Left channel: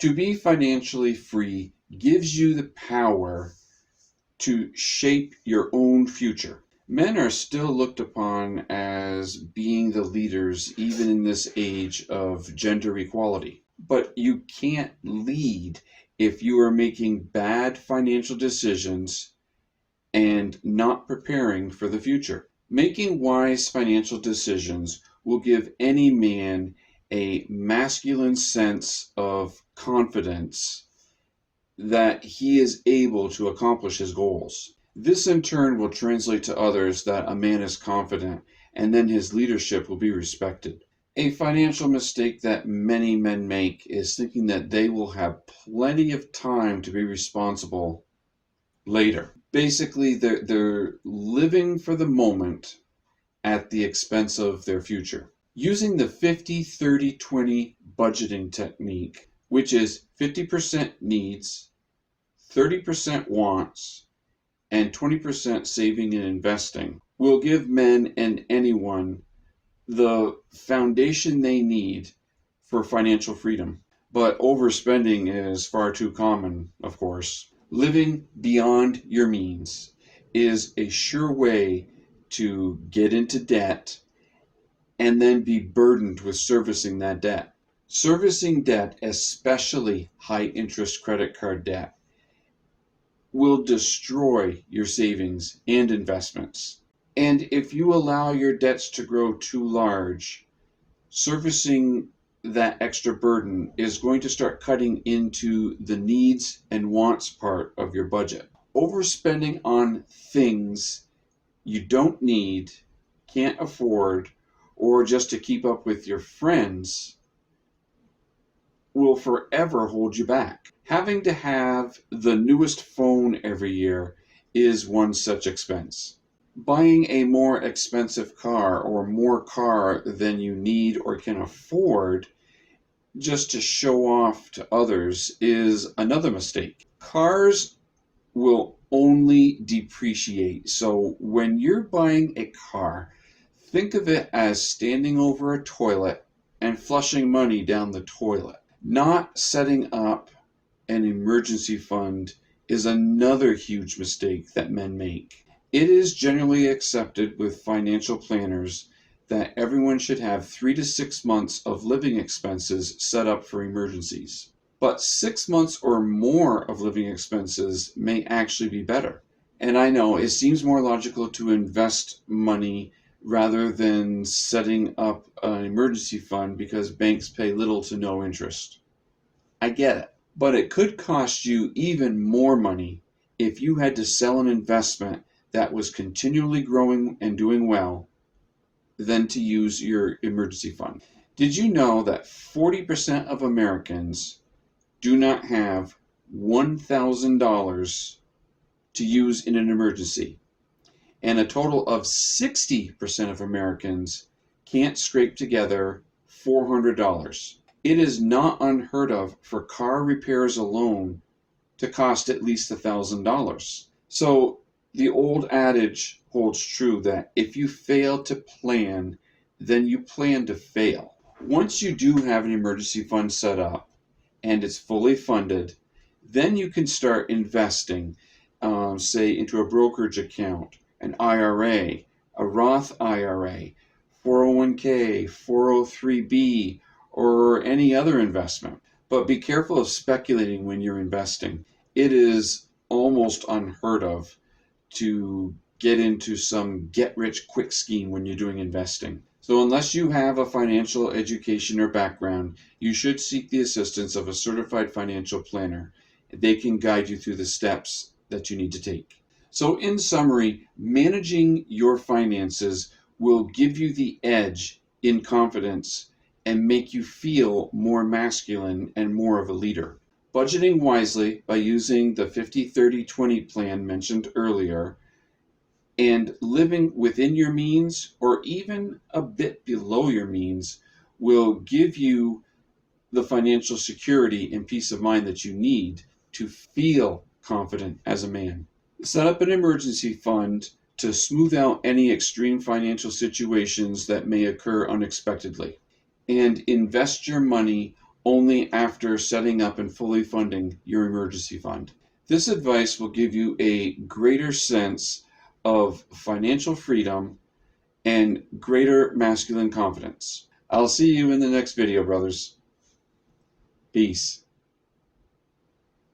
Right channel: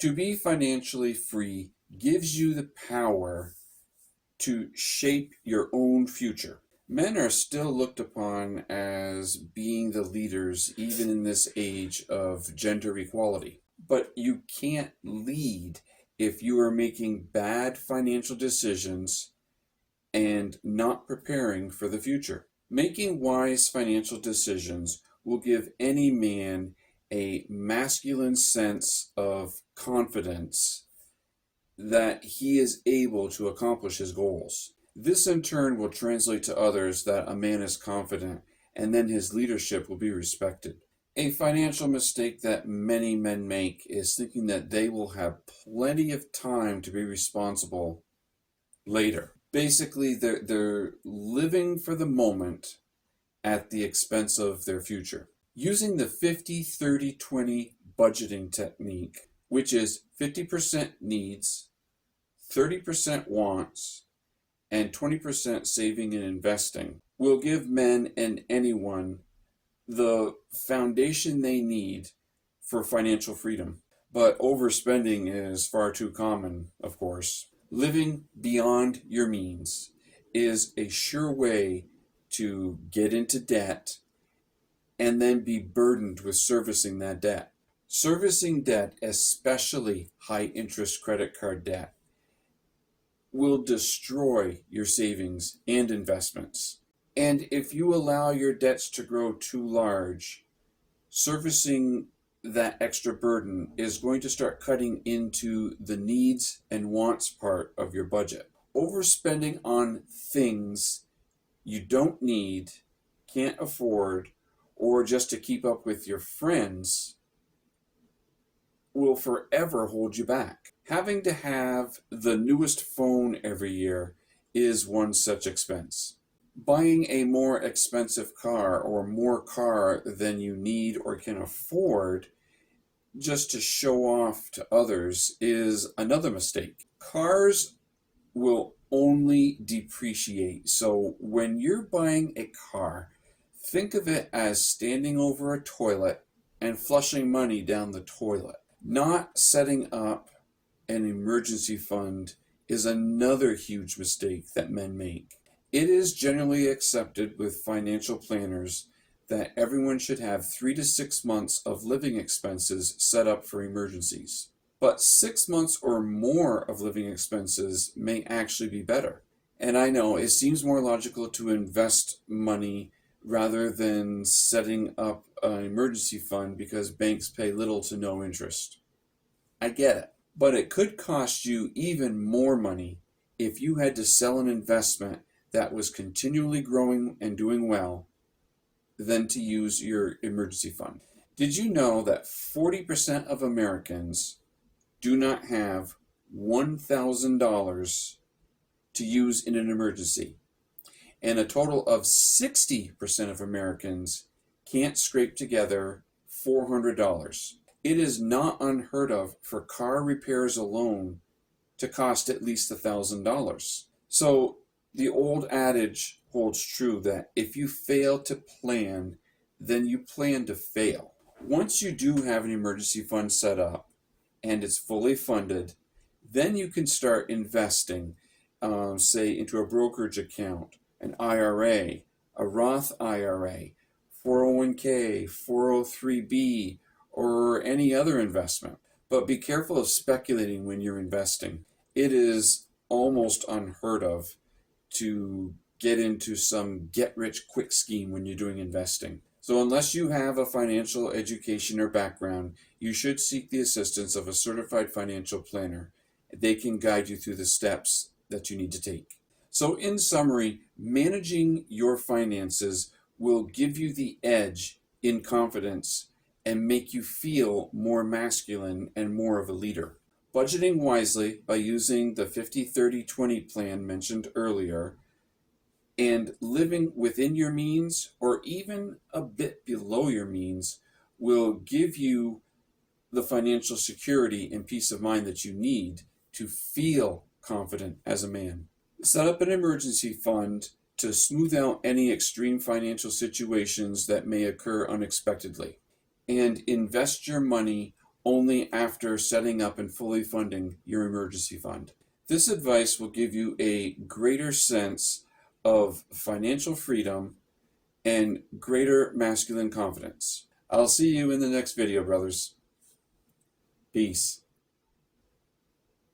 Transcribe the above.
To be financially free gives you the power to shape your own future. Men are still looked upon as being the leaders even in this age of gender equality. But you can't lead if you are making bad financial decisions and not preparing for the future. Making wise financial decisions will give any man a masculine sense of confidence that he is able to accomplish his goals. This in turn will translate to others that a man is confident, and then his leadership will be respected. A financial mistake that many men make is thinking that they will have plenty of time to be responsible later. Basically, they're living for the moment at the expense of their future. Using the 50-30-20 budgeting technique, which is 50% needs, 30% wants, and 20% saving and investing, will give men and anyone the foundation they need for financial freedom. But overspending is far too common, of course. Living beyond your means is a sure way to get into debt and then be burdened with servicing that debt. Servicing debt, especially high interest credit card debt, will destroy your savings and investments. And if you allow your debts to grow too large, servicing that extra burden is going to start cutting into the needs and wants part of your budget. Overspending on things you don't need, can't afford, or just to keep up with your friends will forever hold you back. Having to have the newest phone every year is one such expense. Buying a more expensive car or more car than you need or can afford just to show off to others is another mistake. Cars will only depreciate. So when you're buying a car, think of it as standing over a toilet and flushing money down the toilet. Not setting up an emergency fund is another huge mistake that men make. It is generally accepted with financial planners that everyone should have 3 to 6 months of living expenses set up for emergencies. But 6 months or more of living expenses may actually be better. And I know it seems more logical to invest money rather than setting up an emergency fund because banks pay little to no interest. I get it. But it could cost you even more money if you had to sell an investment that was continually growing and doing well than to use your emergency fund. Did you know that 40% of Americans do not have $1,000 to use in an emergency? And a total of 60% of Americans can't scrape together $400. It is not unheard of for car repairs alone to cost at least $1,000. So the old adage holds true that if you fail to plan, then you plan to fail. Once you do have an emergency fund set up and it's fully funded, then you can start investing, say, into a brokerage account, an IRA, a Roth IRA, 401k, 403b, or any other investment. But be careful of speculating when you're investing. It is almost unheard of to get into some get-rich-quick scheme when you're doing investing. So unless you have a financial education or background, you should seek the assistance of a certified financial planner. They can guide you through the steps that you need to take. So in summary, managing your finances will give you the edge in confidence and make you feel more masculine and more of a leader. Budgeting wisely by using the 50-30-20 plan mentioned earlier and living within your means or even a bit below your means will give you the financial security and peace of mind that you need to feel confident as a man. Set up an emergency fund to smooth out any extreme financial situations that may occur unexpectedly. And invest your money only after setting up and fully funding your emergency fund. This advice will give you a greater sense of financial freedom and greater masculine confidence. I'll see you in the next video, brothers. Peace.